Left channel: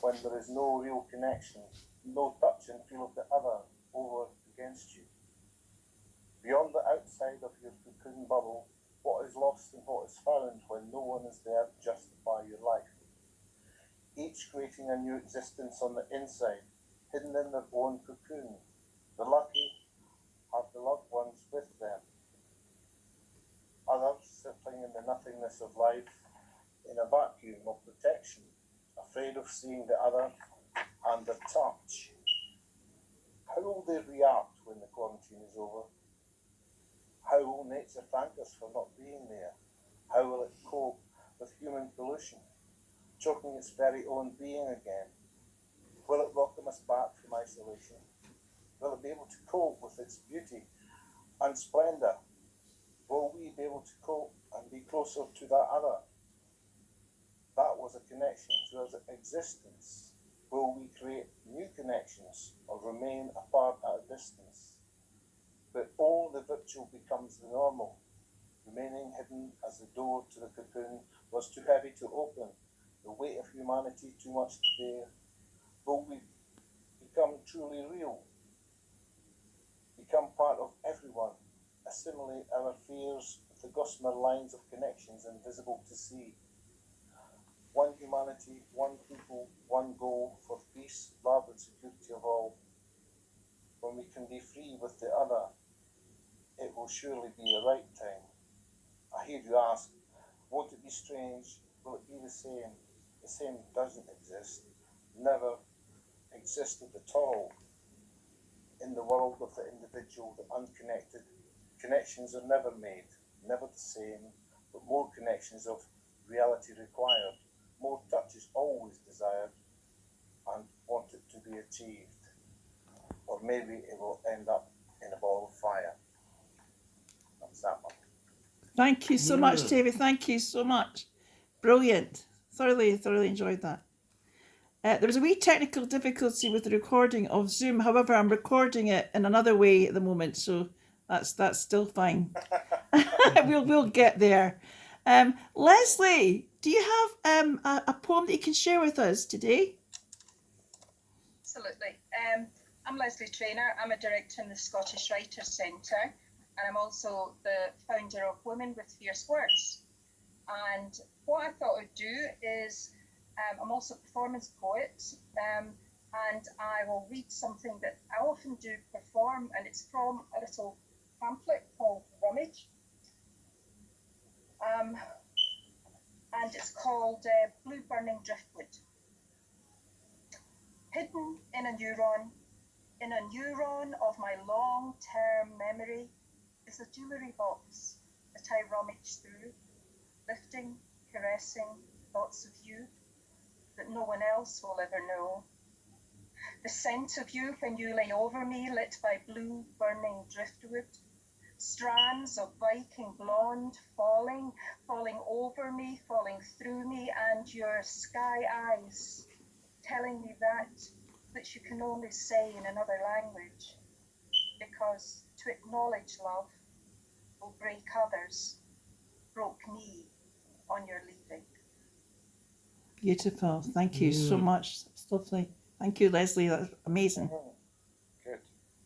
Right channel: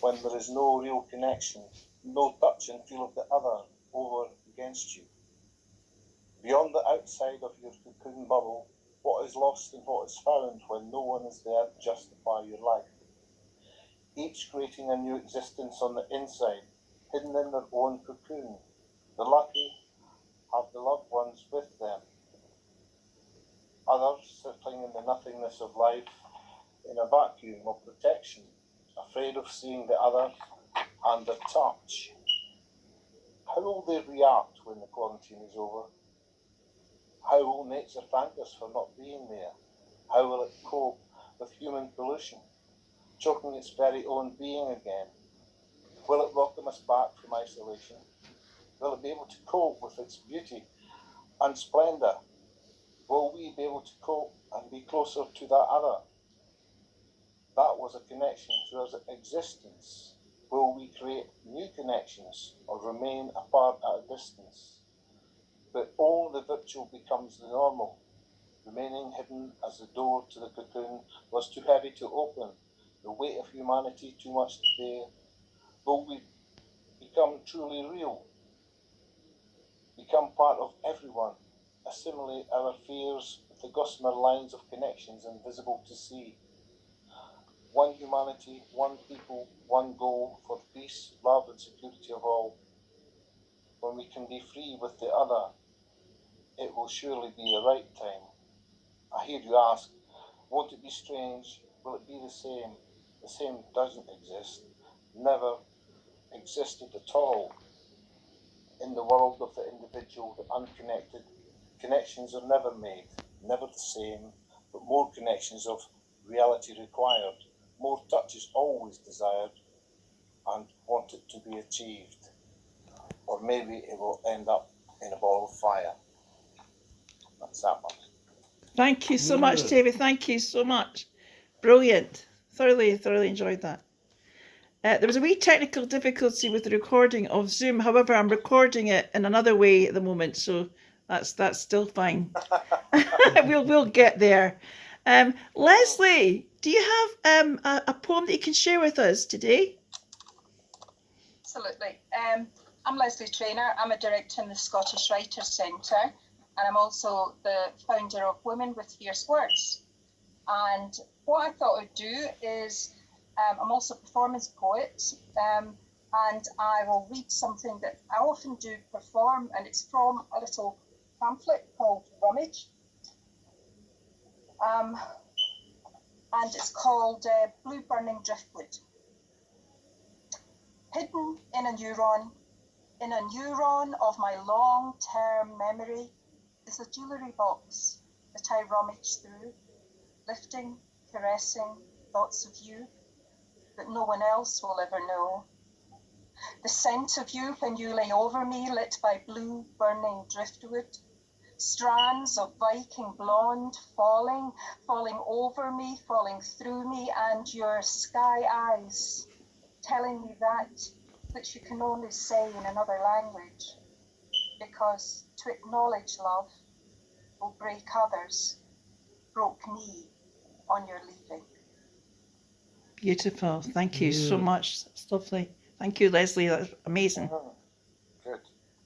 when there is no real connection, no touch and feel of the other over against you. Beyond the outside of your cocoon bubble, what is lost and what is found when no one is there to justify your life. Each creating a new existence on the inside, hidden in their own cocoon. The lucky have the loved ones with them. Others settling in the nothingness of life, in a vacuum of protection, afraid of seeing the other and their touch. How will they react when the quarantine is over? How will nature thank us for not being there? How will it cope with human pollution, choking its very own being again? Will it welcome us back from isolation? Will it be able to cope with its beauty and splendour? Will we be able to cope and be closer to that other? That was a connection to our existence. Will we create new connections or remain apart at a distance? But only the virtual becomes the normal, remaining hidden as the door to the cocoon was too heavy to open, the weight of humanity too much to bear. Will we become truly real, become part of everyone, assimilate our fears with the gossamer lines of connections invisible to see? One humanity, one people, one goal for the peace, love and security of all. When we can be free with the other, it will surely be the right time. I hear you ask, won't it be strange? Will it be the same? The same doesn't exist, never existed at all. In the world of the individual, the unconnected, connections are never made, never the same, but more connections of reality required, more touch is always desired and wanted to be achieved. Or maybe it will end up in a ball of fire. That's that one. Thank you so much, David. Thank you so much. Brilliant. Thoroughly enjoyed that. There was a wee technical difficulty with the recording of Zoom. However, I'm recording it in another way at the moment, so that's still fine. we'll get there. Lesley, do you have a poem that you can share with us today? Absolutely. I'm Lesley Traynor. I'm a director in the Scottish Writers' Centre, and I'm also the founder of Women with Fierce Words. And what I thought I'd do is, I'm also a performance poet, and I will read something that I often do perform, and it's from a little pamphlet called Rummage. And it's called Blue Burning Driftwood. Hidden in a neuron of my long-term memory is a jewellery box that I rummage through, lifting, caressing thoughts of you that no one else will ever know. The scent of you when you lay over me, lit by blue burning driftwood, strands of Viking blonde falling over me, falling through me, and your sky eyes telling me that which you can only say in another language, because to acknowledge love will break others, broke me on your leaving. Beautiful. Thank you so much. It's lovely. Thank you, Lesley. That's amazing. Good.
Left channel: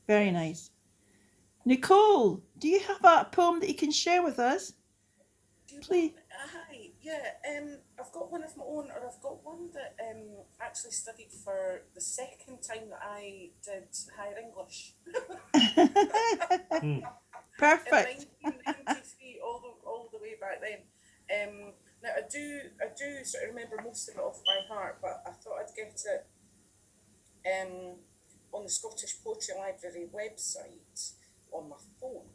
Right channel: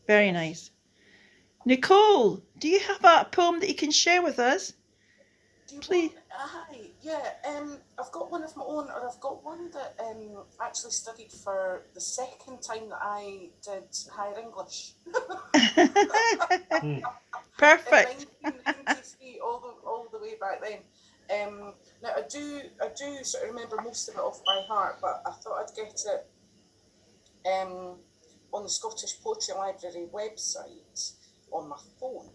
Very nice. Nicole, do you have a poem that you can share with us? Please. Hi, yeah. I've got one of my own, or I've got one that actually studied for the second time that I did higher English. Perfect. In 1993, all the way back then. Now I do sort of remember most of it off by heart, but I thought I'd get it on the Scottish Poetry Library website on my phone.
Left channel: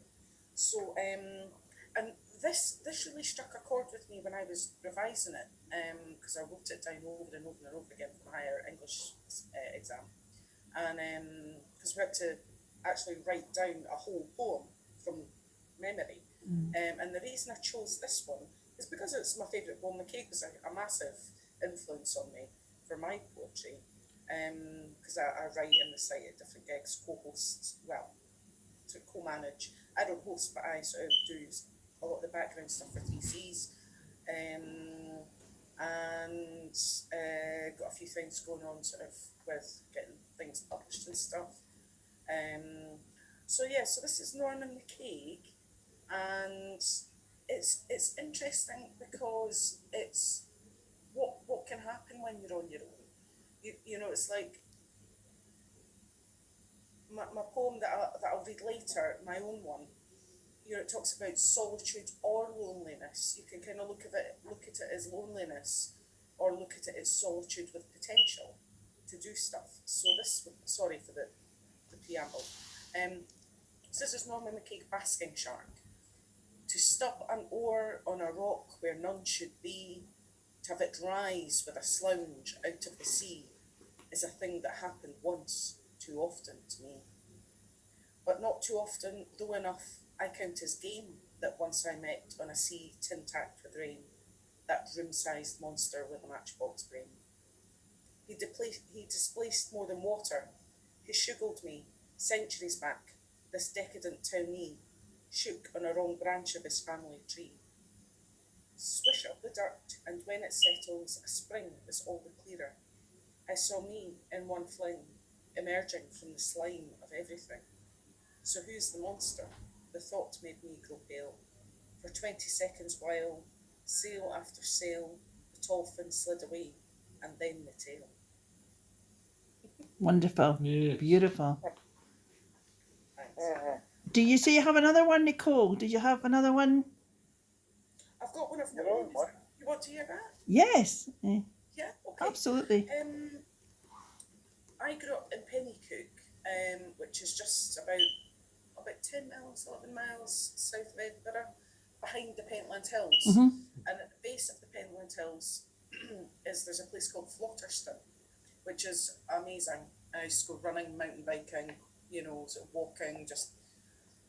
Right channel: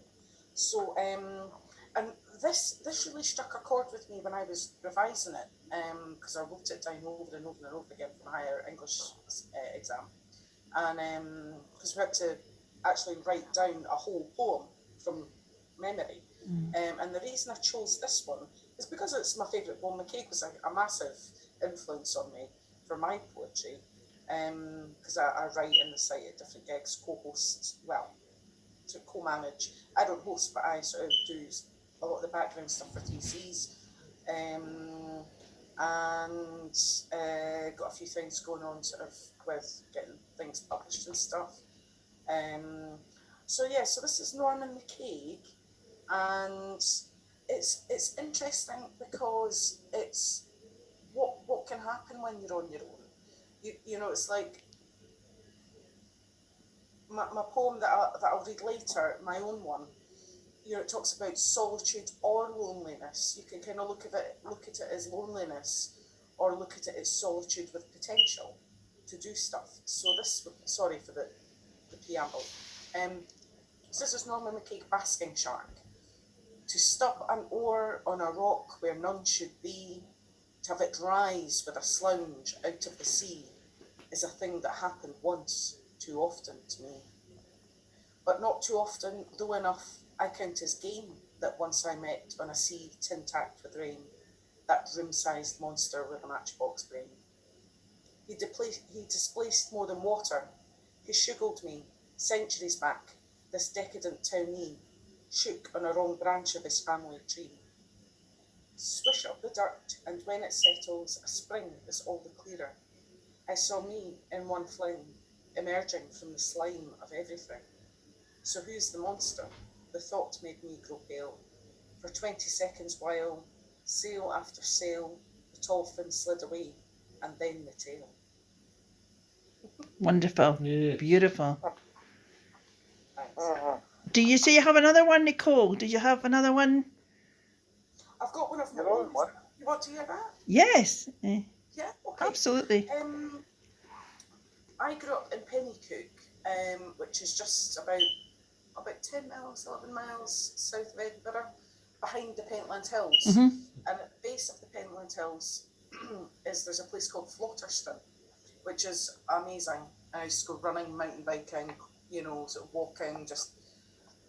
So and this really struck a chord with me when I was revising it, because I wrote it down over and over and over again for my higher English exam, and because we had to actually write down a whole poem from memory. And the reason I chose this one is because it's my favourite poem. McCaig was a massive influence on me for my poetry, because I write in the site at different gigs, co-host, well, to co-manage. I don't host, but I sort of do a lot of the background stuff for 3Cs. and got a few things going on sort of with getting things published and stuff. So this is Norman McCaig, and it's interesting because it's what can happen when you're on your own. You know, it's like my poem that I'll read later, my own one. You know, it talks about solitude or loneliness. You can kind of look at it as loneliness, or look at it as solitude with potential to do stuff. So sorry for the preamble. So this is Norman McCaig, Basking Shark. To stop an oar on a rock where none should be, to have it rise with a slouch out of the sea, is a thing that happened once too often to me. But not too often, though enough, I count as game that once I met on a sea tin-tacked with rain, that room-sized monster with a matchbox brain. He displaced more than water. He shuggled me, centuries back, this decadent townee, shook on a wrong branch of his family tree. Swish up the dirt, and when it settles, a spring is all the clearer. I saw me in one fling, emerging from the slime of everything. So who's the monster? The thought made me grow pale. For 20 seconds while, sail after sail, the tall fin slid away, and then the tail. Wonderful. Yeah. Beautiful. Thanks. Do you say you have another one, Nicole? Did you have another one? I've got one of my Your own own. one? You want to hear that? Yes. Yeah, okay. Absolutely. I grew up in Pennycook, which is just about 10 miles, 11 miles south of Edinburgh, behind the Pentland Hills. Mhm. And at the base of the Pentland Hills there's a place called Flotterston, which is amazing. I used to go running, mountain biking, you know, sort of walking,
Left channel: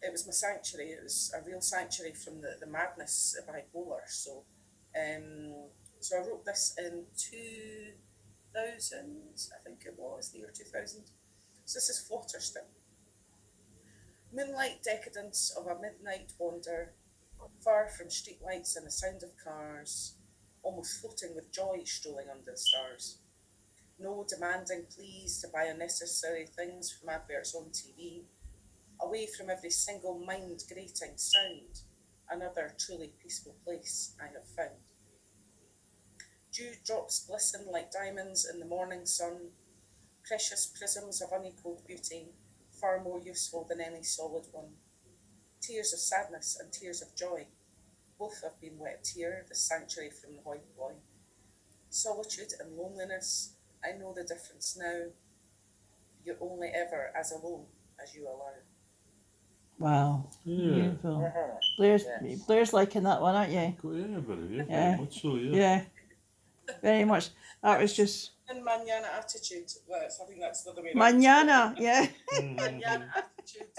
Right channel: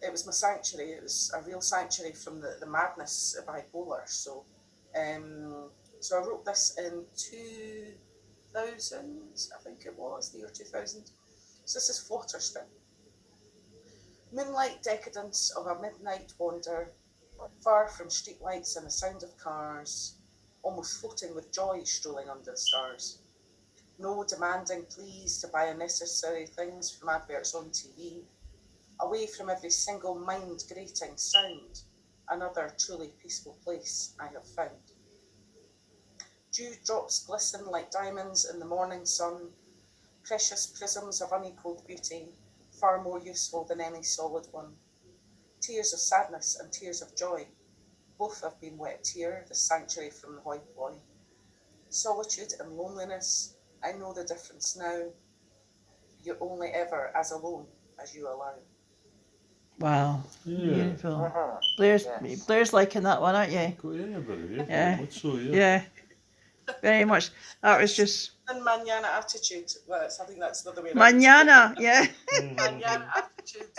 it was my sanctuary. It was a real sanctuary from the madness of bipolar. So I wrote this in 2000, I think it was, the year 2000. So this is Flotterston. Moonlight decadence of a midnight wander, far from streetlights and the sound of cars, almost floating with joy strolling under the stars. No demanding pleas to buy unnecessary things from adverts on TV. Away from every single mind-grating sound, another truly peaceful place I have found. Dewdrops glisten like diamonds in the morning sun, precious prisms of unequalled beauty, far more useful than any solid one. Tears of sadness and tears of joy, both have been wept here, the sanctuary from the hoi polloi. Solitude and loneliness, I know the difference now. You're only ever as alone as you allow. Wow. Yeah. Beautiful. Yes. Blair's liking that one, aren't you? Yeah, but yeah, Yeah. very much so, yeah. Yeah. Very much. That was just And manana attitude. Well, I think that's the other way around. manana. Yeah. Manana attitude.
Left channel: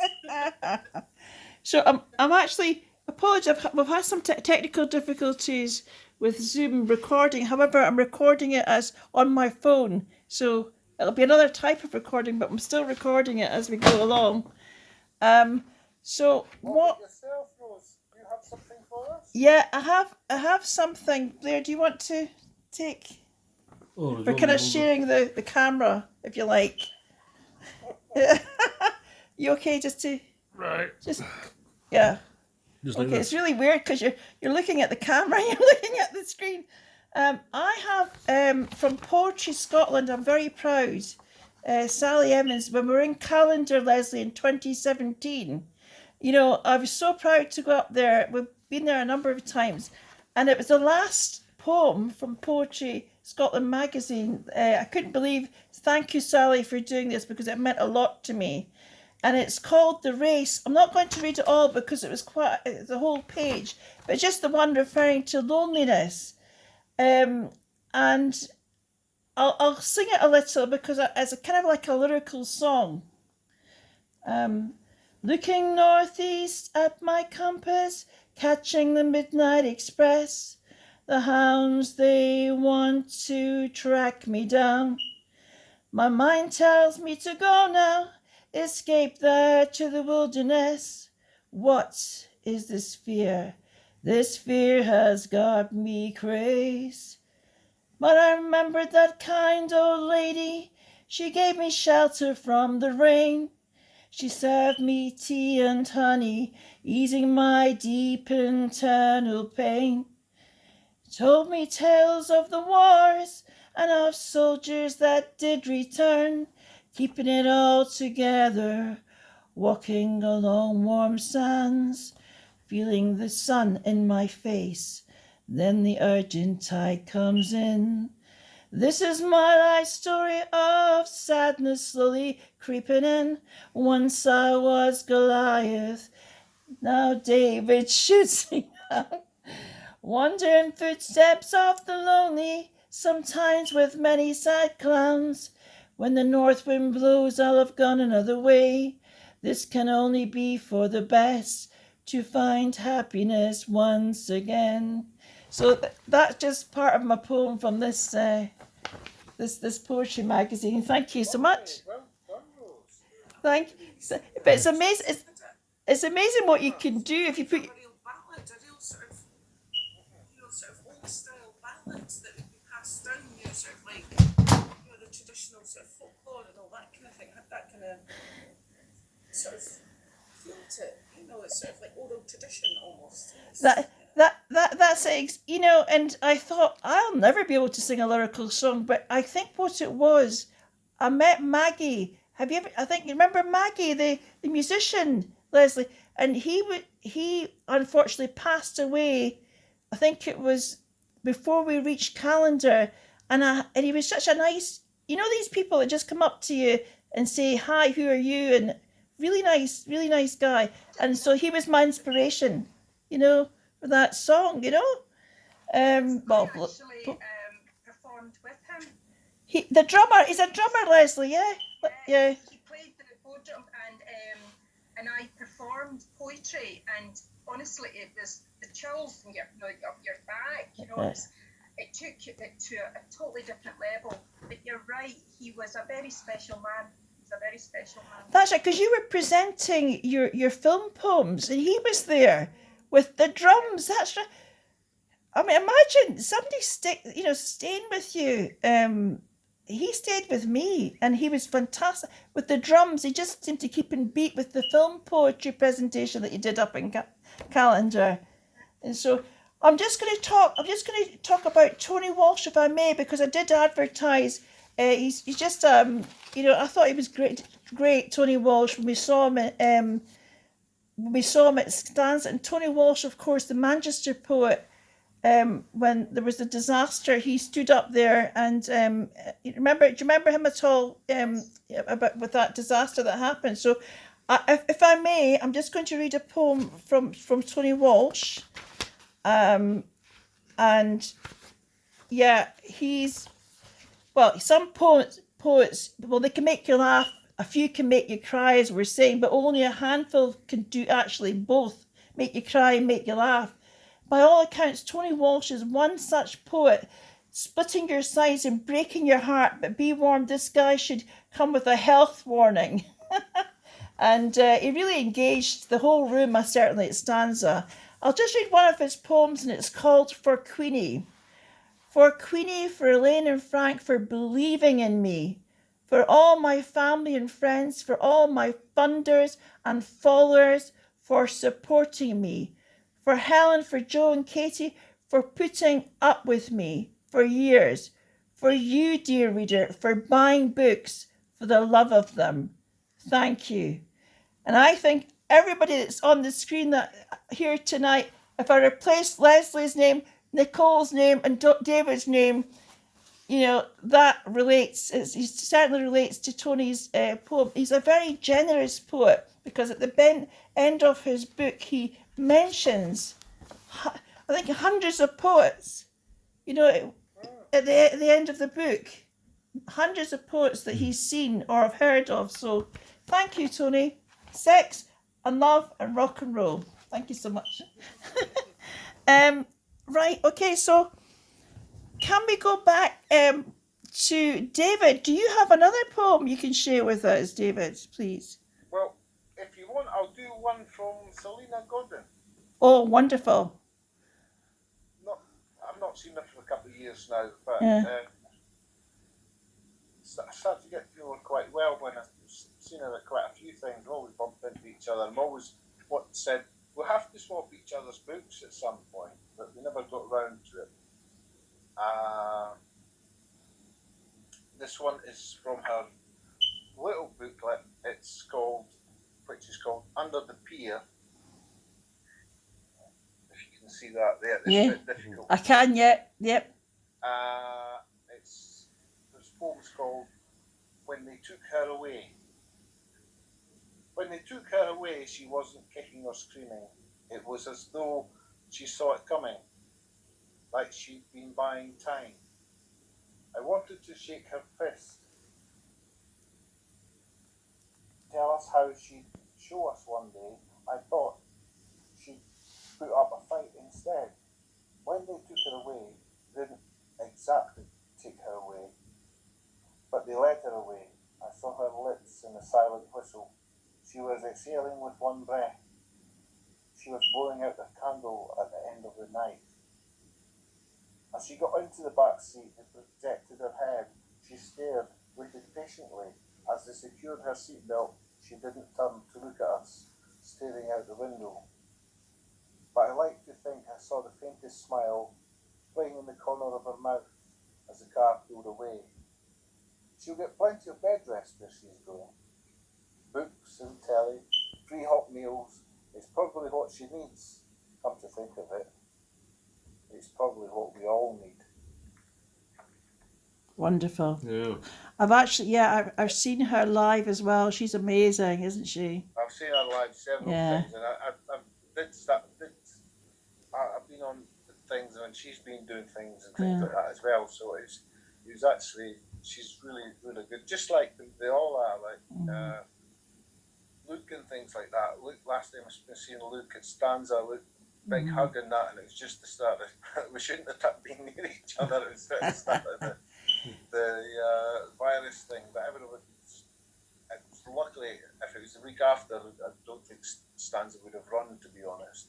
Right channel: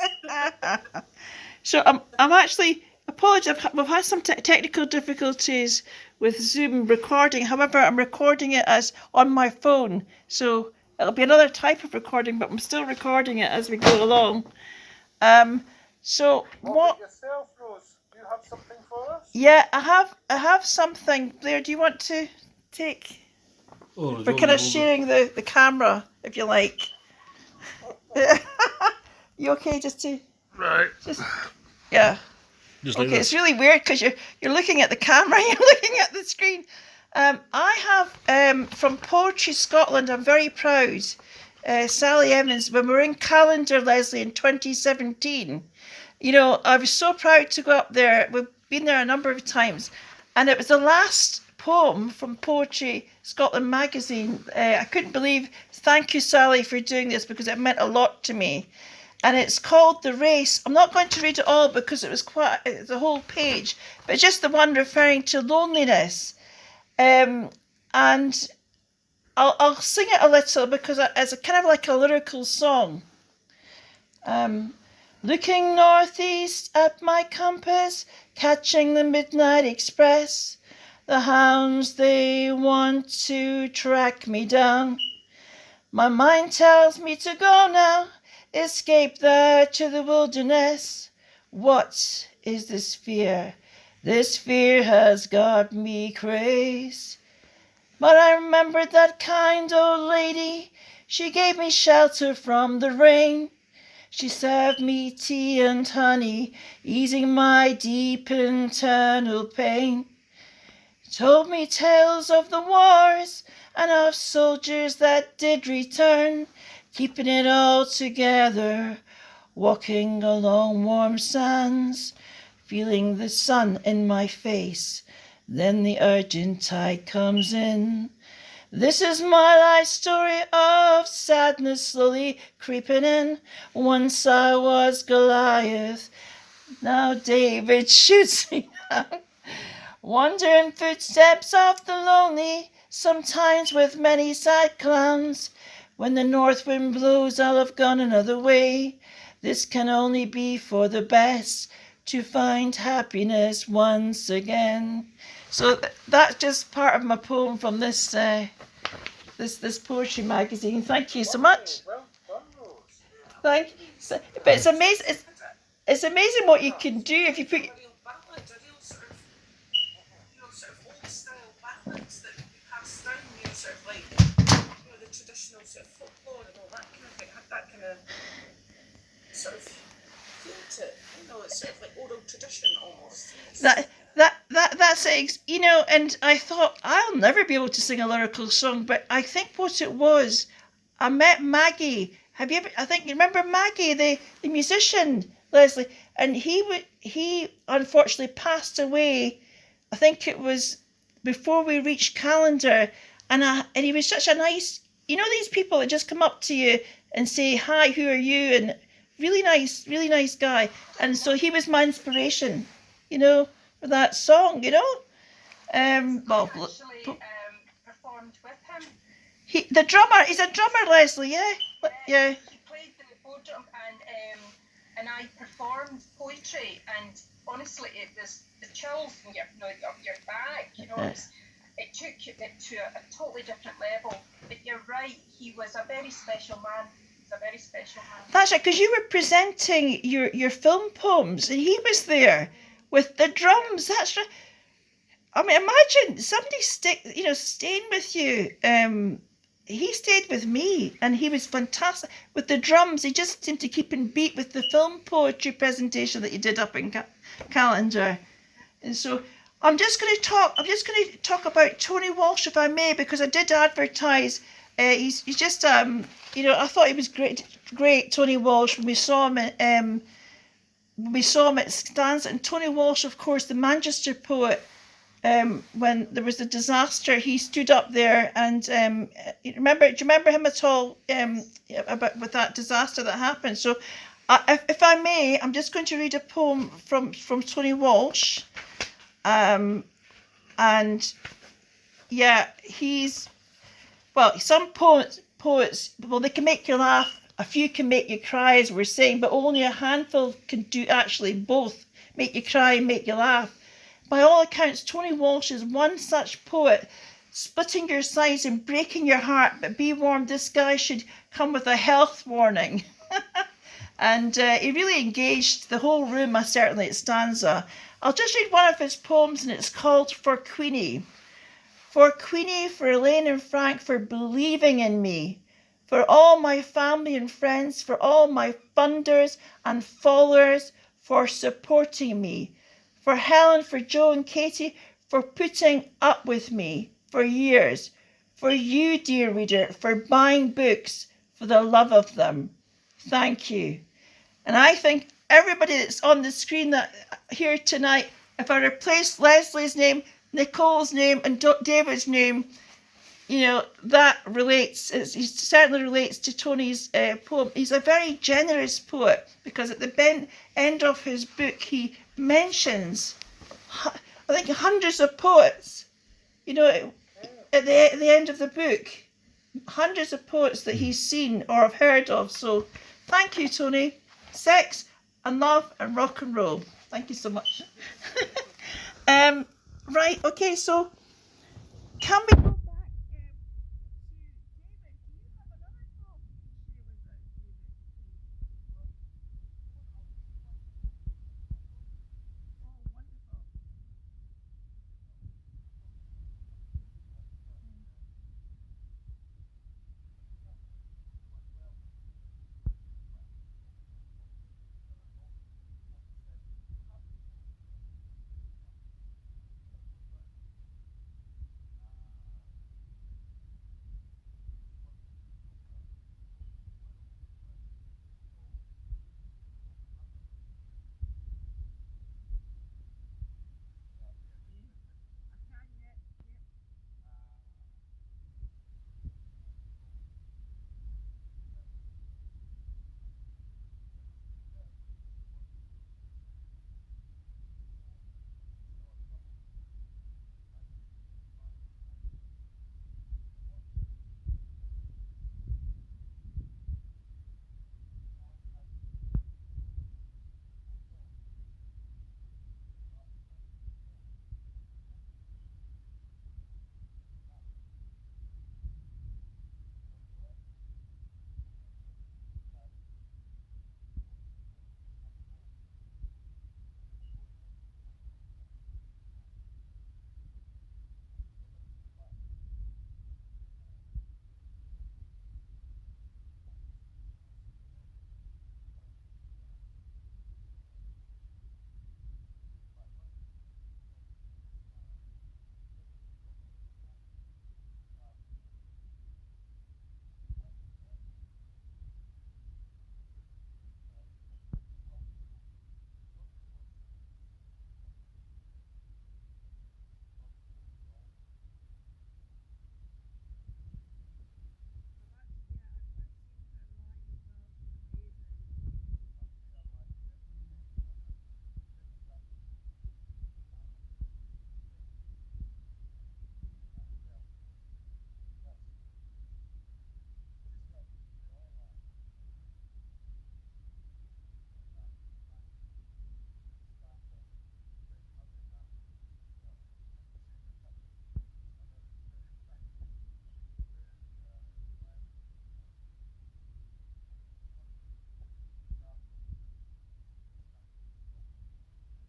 So I'm actually apologize. We've had some technical difficulties with Zoom recording. However, I'm recording it as on my phone, so it'll be another type of recording, but I'm still recording it as we go along. So what? Yourself, Rose. Do you have something for us? Yeah, I have something. Blair, do you want to take? Oh, We're kind of sharing the camera, if you like. You okay? Just to Right. yeah. Just like Okay, this. it's really weird because you're looking at the camera, you're looking at the screen. I have from Poetry Scotland. I'm very proud. Sally Evans, when we were in Calendar, Lesley, in 2017. You know, I was so proud to go up there. We've been there a number of times, and it was the last poem from Poetry Scotland magazine. I couldn't believe. Thank you, Sally, for doing this because it meant a lot to me. And it's called The Race. I'm not going to read it all because it was quite the whole page, but just the one referring to loneliness. And I'll sing it a little because it's a kind of like a lyrical song. Looking northeast at my compass, catching the midnight express. The hounds, they want to track me down. My mind tells me to go now, escape there to the wilderness. What is this fear? This fear has got me crazed. But I remembered that kind old lady. She gave me shelter from the rain. She served me tea and honey, easing my deep internal pain. Told me tales of the wars and of soldiers that did return, keeping it all together, walking along warm sands, feeling the sun in my face. Then the urgent tide comes in. This is my life story of sadness slowly creeping in. Once I was Goliath, now David shoots me down. Wandering footsteps of the lonely, sometimes with many sad clowns. When the north wind blows, I'll have gone another way. This can only be for the best, to find happiness once again. So that's just part of my poem from this this poetry magazine. Thank you so much. Well done, Rose. Thank. But it's amazing. It's amazing what you can do if you put. A real ballad, a real sort of, sort of old style ballads that would be passed down, sort of like, the traditional sort of folklore and all that kind of thing. Had that kind of sort of feel to it. It's sort of like oral tradition almost. That's it, and I thought I'll never be able to sing a lyrical song, but I think what it was, I met Maggie. Have you ever? I think you remember Maggie, the musician, Lesley, and he unfortunately passed away. I think it was before we reached calendar, and he was such a nice, these people that just come up to you and say hi, who are you, and really nice guy, and so he was my inspiration, for that song, I actually performed with him. he's a drummer, Lesley, yeah. Yeah. He played the bodrum and I performed poetry, and honestly, it was the chills in your back. It took it to a totally different level. But you're right, he was a very special man. He's a very special man. That's right, because you were presenting your film poems, and he was there with the drums. That's right. I mean, imagine somebody staying with you. He stayed with me, and he was fantastic with the drums. He just seemed to keep in beat with the film poetry presentation that you did up in calendar. And so I'm just going to talk about Tony Walsh, if I may, because I did advertise. He's just I thought he was great, Tony Walsh. When we saw him at Stanza, and Tony Walsh, of course, the Manchester poet. When there was a disaster, he stood up there, and do you remember him at all? With that disaster that happened. So, if I may, I'm just going to read a poem from Tony Walsh. And yeah, some poets, they can make you laugh. A few can make you cry, as we're saying, but only a handful can do actually both, make you cry and make you laugh. By all accounts, Tony Walsh is one such poet, splitting your sides and breaking your heart, but be warned, this guy should come with a health warning. And he really engaged the whole room, certainly at Stanza. I'll just read one of his poems, and it's called For Queenie. For Queenie, for Elaine and Frank, for believing in me. For all my family and friends, for all my funders and followers, for supporting me. For Helen, for Joe and Katie, for putting up with me for years. For you, dear reader, for buying books for the love of them. Thank you. And I think everybody that's on the screen here tonight, if I replace Lesley's name, Nicole's name, and David's name, that relates. It certainly relates to Tony's poem. He's a very generous poet, because at the end of his book, he mentions, I think, hundreds of poets. At the end of the book, hundreds of poets that he's seen or have heard of. So, thank you, Tony. Sex and love and rock and roll. Thank you so much. Right. Okay. So, can we go back to David? Do you have another poem you can share with us, David, please? Well, if you want, I'll do one from Selena Godin. Oh, wonderful. I've not seen her for a couple of years now, but Yeah. I started to get to know her quite well when I've seen her at quite a few things. We always bumped into each other. I'm always said we'll have to swap each other's books at some point, but we never got round to it. This one is from her little booklet. It's called, which is called Under the Pier. If you can see that there, it's Yeah. a bit difficult. I can, yep. This poem's called When They Took Her Away. When they took her away, she wasn't kicking or screaming. It was as though she saw it coming, like she'd been buying time. I wanted to shake her fist, tell us how she'd show us one day. I thought she'd put up a fight instead. When they took her away, they didn't exactly take her away, but they led her away. I saw her lips in a silent whistle. She was exhaling with one breath. She was blowing out the candle at the end of the night. As she got into the back seat and protected her head, she stared, waited patiently. As they secured her seatbelt, she didn't turn to look at us, staring out the window. But I like to think I saw the faintest smile playing in the corner of her mouth as the car pulled away. She'll get plenty of bed rest where she's going. Books and telly, free hot meals, it's probably what she needs. Come to think of it, it's probably what we all need. Wonderful. Yeah. I've seen her live as well. She's amazing, isn't she? I've seen her live several Yeah. times, and I've been on things and she's been doing things and things Yeah. like that as well. So she's really, really good. Just like they all are, like Luke and things like that. Luke, last time I've seen Luke at Stanza, Luke, big hug and that, and it was just the start of we shouldn't have been near each other. It was the start of the virus thing, but everyone. Luckily, if it was the week after, I don't think Stanza would have run, to be honest.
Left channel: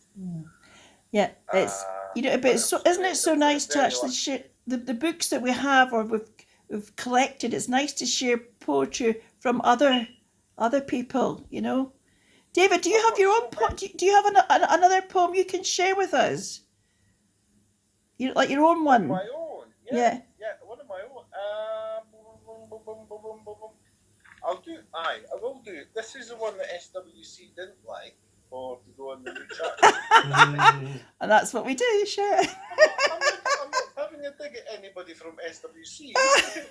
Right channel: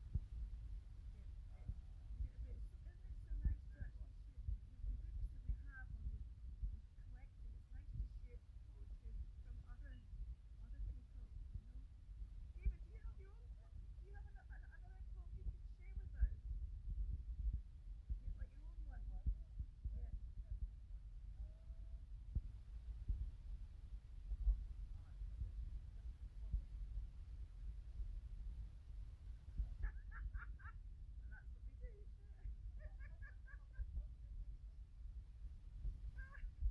Yeah, it's but it's so, isn't it so nice to actually share the books that we have or we've collected? It's nice to share poetry from other people. You know, David, do you have your own poem? Do you have another poem you can share with us? You like your own one? My own, Yeah. Yeah, one of my own. I will do. This is the one that SWC didn't like, or to go on the new chat. And that's what we do. Share. I'm not having a dig at anybody from SWC.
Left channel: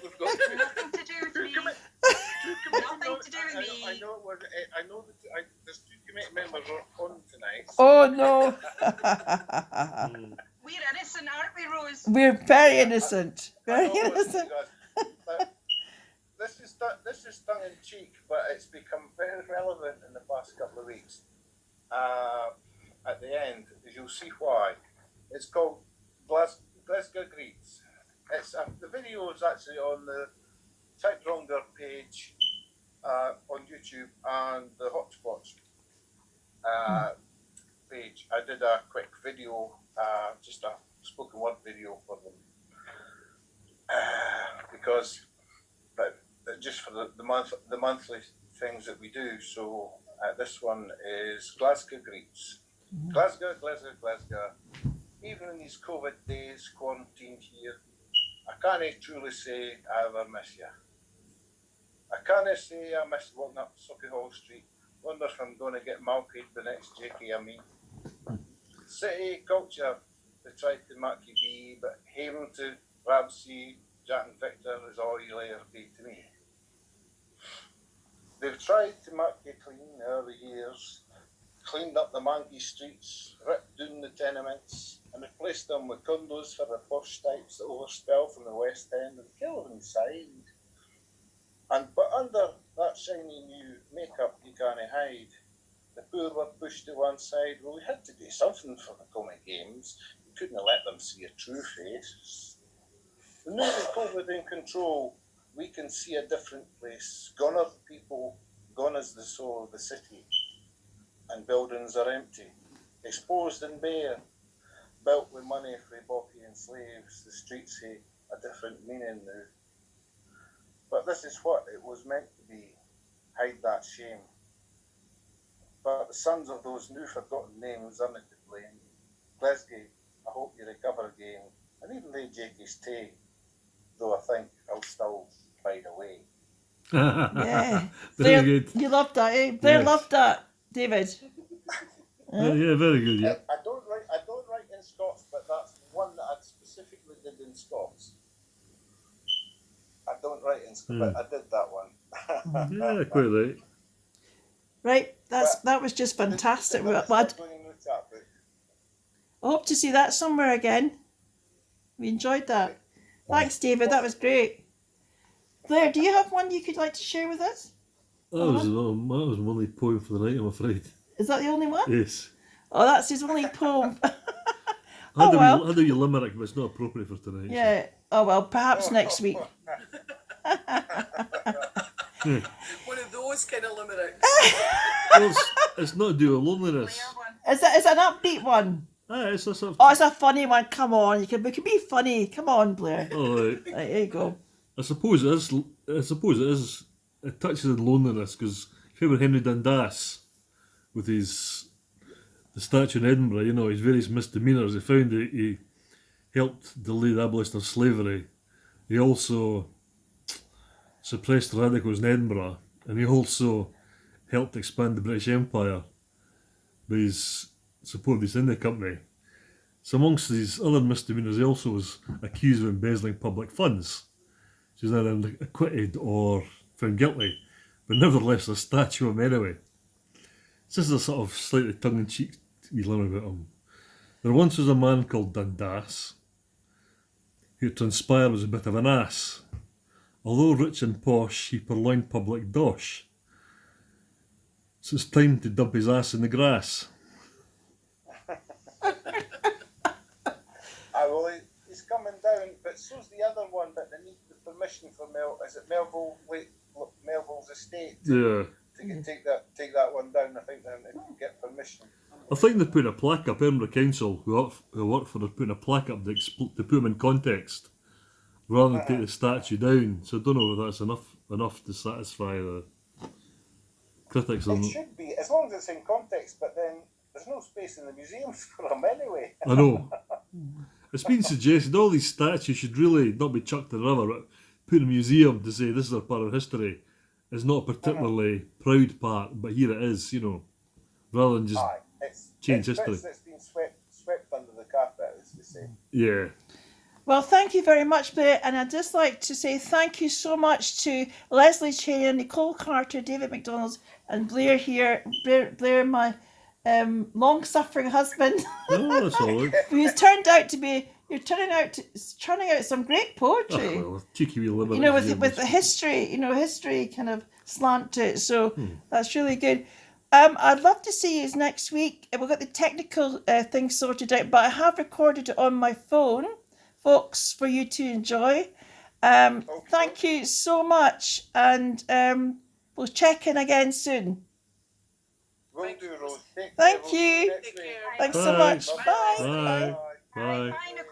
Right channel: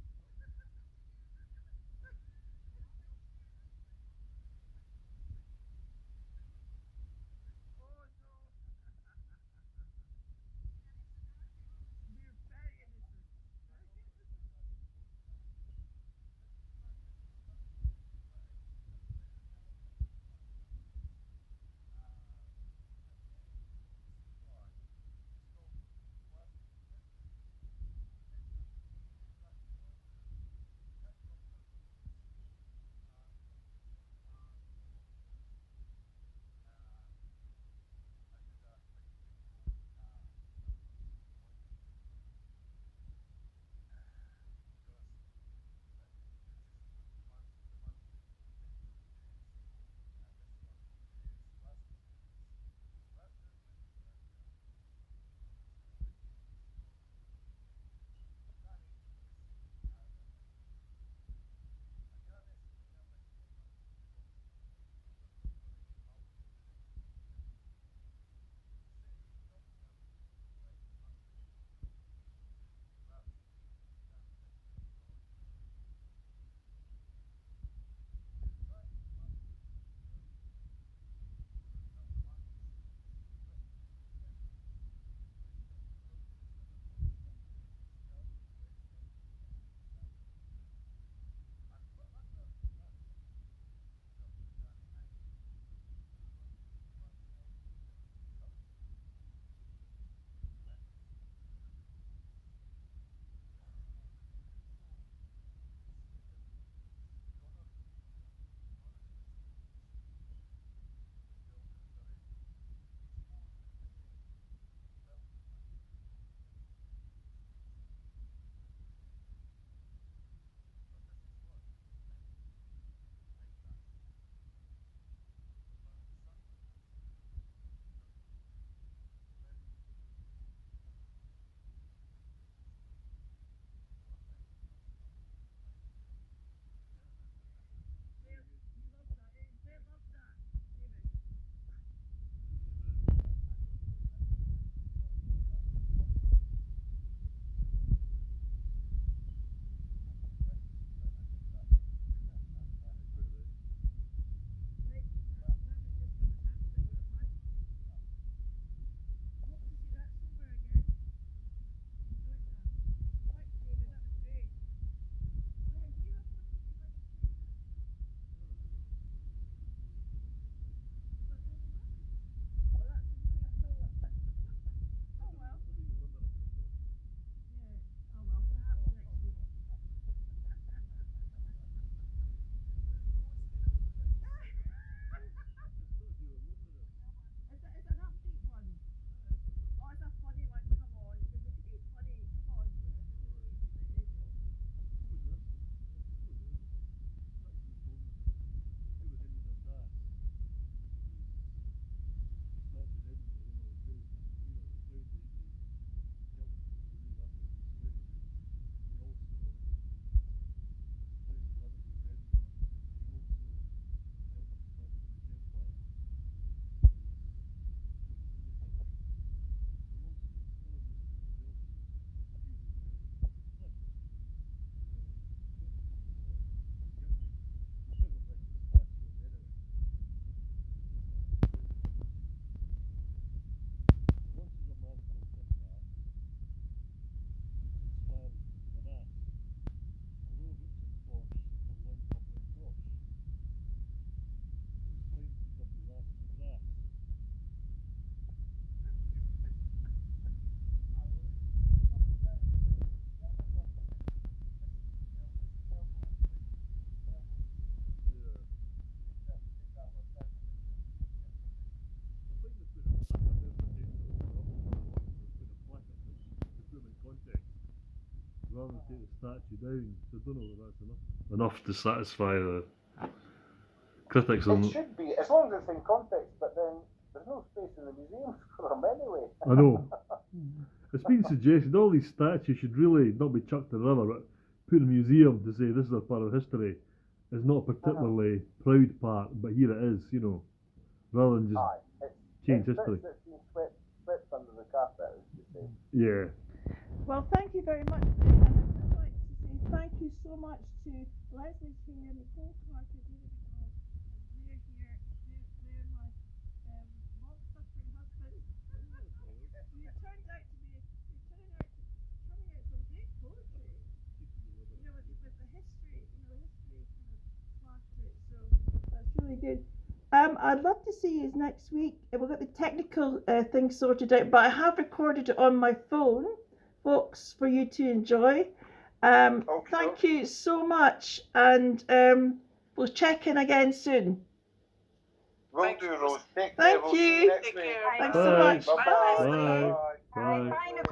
We've got Nothing to do with me. two committee Nothing to do with me. I know that there's two committee members on tonight. Oh no. We're innocent, aren't we, Rose? We're very innocent. Very I know what innocent. you guys- but this is tongue in cheek, but it's become very relevant in the past couple of weeks. At the end, as you'll see why. It's called Glasgow Greets. The video is actually on the Typewriter page on YouTube and the Hotspots page. I did a quick video, just a spoken word video for them, because just for the monthly things that we do. So this one is Glasgow Greets. Glasgow. Even in these COVID days, quarantined here, I can't truly say I ever miss you. I can't say I miss walking up Socky Hall Street. Wonder if I'm going to get malkied the next JK I meet. City culture, they tried to make you be, but haven to Ramsey, Jack and Victor is all you'll ever be to me. They've tried to make you clean over the years, cleaned up the manky streets, ripped down the tenements, and replaced them with condos for the posh types that overspell from the West End and kill them inside. But under that shiny new makeup you can't hide. The poor were pushed to one side. Well, we had to do something for the comic games. We couldn't have let them see a true face. The new COVID in control, we can see a different place. Gone are the people, gone is the soul of the city. And buildings are empty, exposed and bare, built with money for Bocky enslaves, the streets have a different meaning now. But this is what it was meant to be, hide that shame. But the sons of those new forgotten names aren't to blame. Lesley, I hope you recover again, and even though Jakey's tay, though I think I'll still bide away. Yeah. Very Blair, good. you loved that, eh? Blair Yes. loved that, David. Yeah, very good. Yeah. I don't write in Scots, but that's one that I specifically did in Scots. I don't write in Scots, but I did that one. Yeah, quite right. Right, that was just fantastic. I hope to see that somewhere again. We enjoyed that. Thanks, David. That was great. Blair, do you have one you could like to share with us? That was my only poem for the night, I'm afraid. Is that the only one? Yes. Oh, that's his only poem. I Oh well. had a wee limerick, but it's not appropriate for tonight. Yeah. Oh well. Perhaps next week. One of those kind of limericks. Well, it's not to do with loneliness. Is it an upbeat one? It's a sort of, Oh, it's a funny one. Come on, we can be funny. Come on, Blair. oh, right. Right, there you go. I suppose it is. It touches on loneliness because if you remember Henry Dundas with the statue in Edinburgh, you know, his various misdemeanours, he found that he helped delay the abolition of slavery. He also suppressed radicals in Edinburgh, and he also helped expand the British Empire by his support of the East India Company. So amongst these other misdemeanours, he also was accused of embezzling public funds. She's now then acquitted or found guilty, but nevertheless a statue of him anyway. It's just a sort of slightly tongue-in-cheek wee limerick about him. There once was a man called Dundas, who transpired was a bit of an ass. Although rich and posh, he purloined public dosh. So it's time to dump his ass in the grass. Well, he's coming down, but so's the other one, but they need the permission from Melville's estate Yeah. to take that one down. I think then they can get permission. I think they put a plaque up, Edinburgh Council, who work for it, putting a plaque up to put them in context, rather than take the statue down. So I don't know if that's enough to satisfy the critics. It should be, as long as it's in context, but then there's no space in the museums for them anyway. I know. It's been suggested all these statues should really not be chucked in the river, but put in a museum to say this is a part of history. It's not a particularly proud part, but here it is, you know, rather than just change history. It's been swept under the carpet, as they say. Yeah. Well, thank you very much, Blair. And I'd just like to say thank you so much to Lesley, Traynor, Nicole Carter, David McDonald, and Blair here. Blair, my long-suffering husband, Oh, that's all right. who's turned out to be. You're churning out some great poetry. Oh, well, cheeky wee limerick. You know, with the history kind of slant to it. So that's really good. I'd love to see you next week. We've got the technical thing sorted out, but I have recorded it on my phone, folks, for you to enjoy. Thank you so much, and we'll check in again soon. Will do, Rose. Thank you. Next week. Thanks so much. Bye. Bye. Bye. Bye. Bye, Nicole.